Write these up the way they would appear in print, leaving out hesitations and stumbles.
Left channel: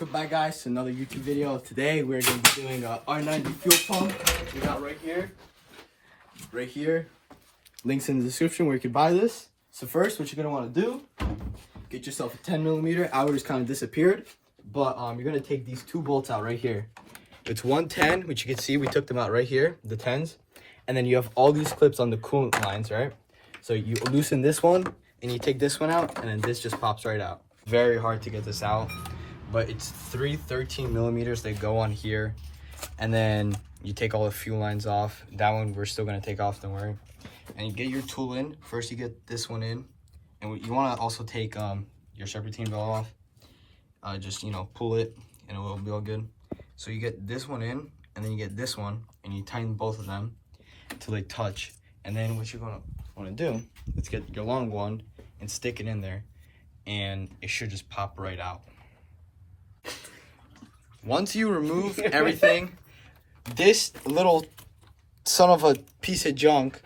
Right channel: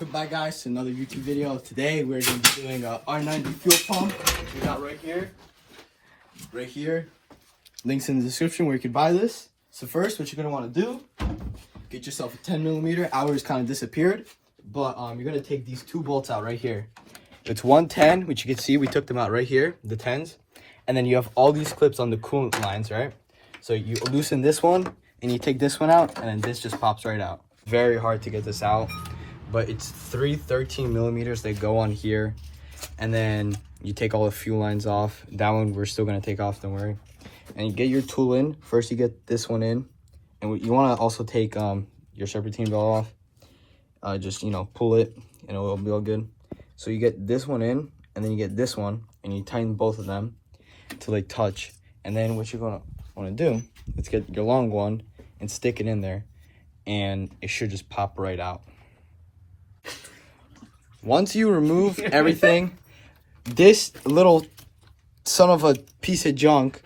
welcome back guys to another YouTube video. Today we're going to be doing a r90 fuel pump. We got right here, links in the description where you can buy this. So first, what you're going to want to do, get yourself a 10mm. Ours kind of disappeared, but you're going to take these two bolts out right here. It's 110, which you can see we took them out right here, the 10s, and then you have all these clips on the coolant lines, right? So you loosen this one and you take this one out, and then this just pops right out. Very hard to get this out, but it's 3 13mm that go on here, and then you take all the fuel lines off. That one we're still gonna take off, don't worry. And you get your tool in. First you get this one in, and you want to also take your serpentine belt off. Just, you know, pull it and it will be all good. So you get this one in, and then you get this one, and you tighten both of them till they touch. And then what you're gonna want to do, let's get your long one and stick it in there, and it should just pop right out. Once you remove everything, this little son of a piece of junk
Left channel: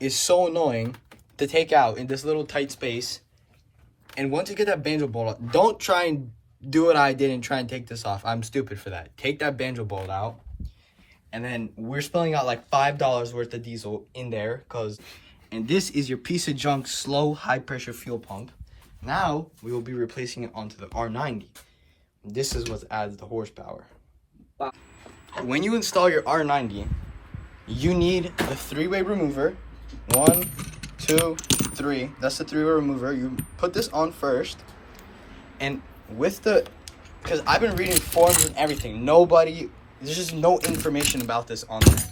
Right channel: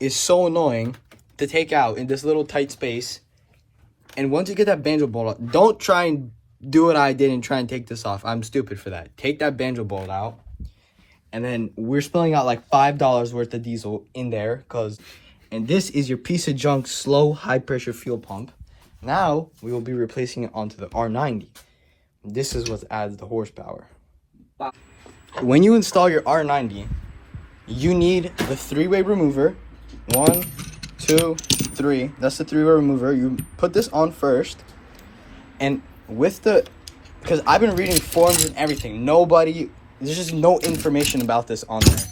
is so annoying to take out in this little tight space. And once you get that banjo bolt out, don't try and do what I did and try and take this off. I'm stupid for that. Take that banjo bolt out, and then we're spilling out like $5 worth of diesel in there, and this is your piece of junk slow high pressure fuel pump. Now we will be replacing it onto the R90. This is what adds the horsepower. When you install your R90, you need the 3-way remover. 1, 2, 3. That's the 3-way remover. You put this on first, and because I've been reading forums and everything, there's just no information about this on there.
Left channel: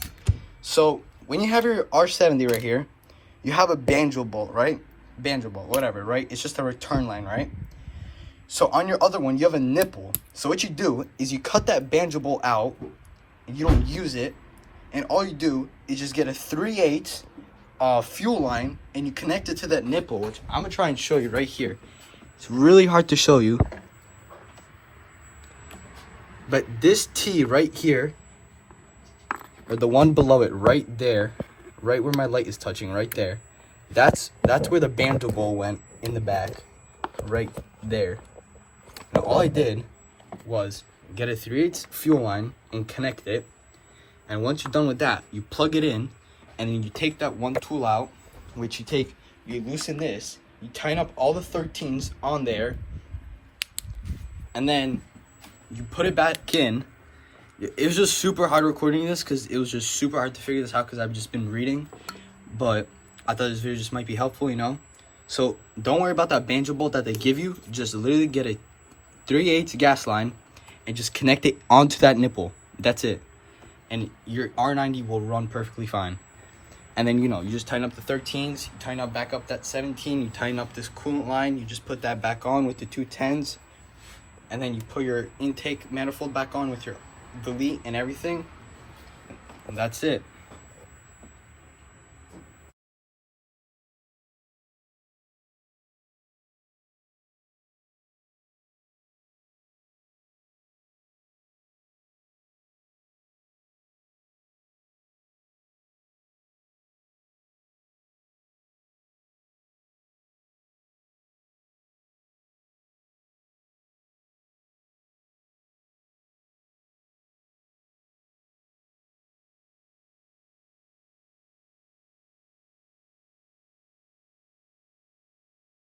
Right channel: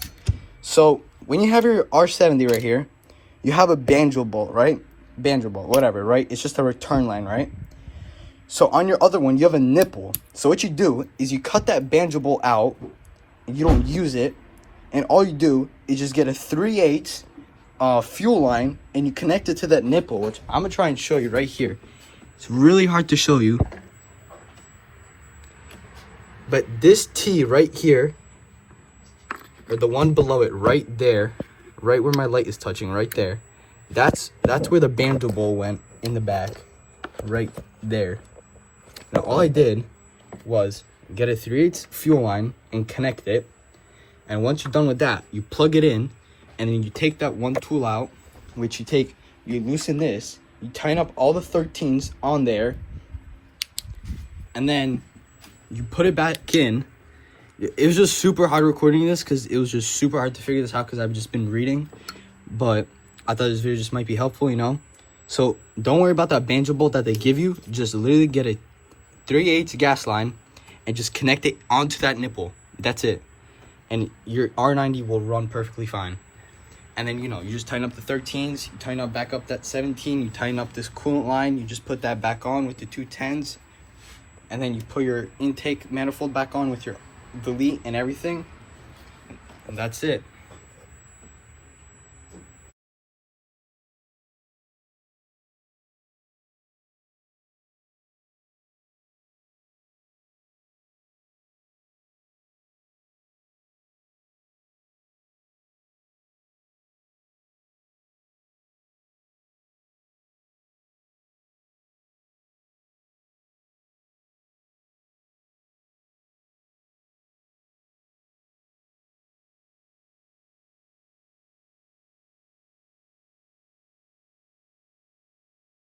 So when you have your R70 right here, you have a banjo bolt, right? Banjo bolt, whatever, right? It's just a return line, right? So on your other one, you have a nipple. So what you do is you cut that banjo bolt out, and you don't use it, and all you do is just get a 3/8 fuel line, and you connect it to that nipple, which I'm gonna try and show you right here. It's really hard to show you, but this T right here, or the one below it right there, right where my light is touching, right there, that's where the banjo bolt went in the back, right there. Now all I did was get a 3/8 fuel line and connect it, and once you're done with that, you plug it in, and then you take that one tool out, which you loosen this, you tighten up all the 13s on there, and then you put it back in. It was just super hard recording this because it was just super hard to figure this out because I've just been reading, but I thought this video just might be helpful, you know? So don't worry about that banjo bolt that they give you. Just literally get a 3/8 gas line and just connect it onto that nipple. That's it. And your R90 will run perfectly fine. And then, you know, you just tighten up the 13s, you tighten up back up that 17, you tighten up this coolant line, you just put that back on with the two 10s, and then you put your intake manifold back on with your delete and everything, and that's it.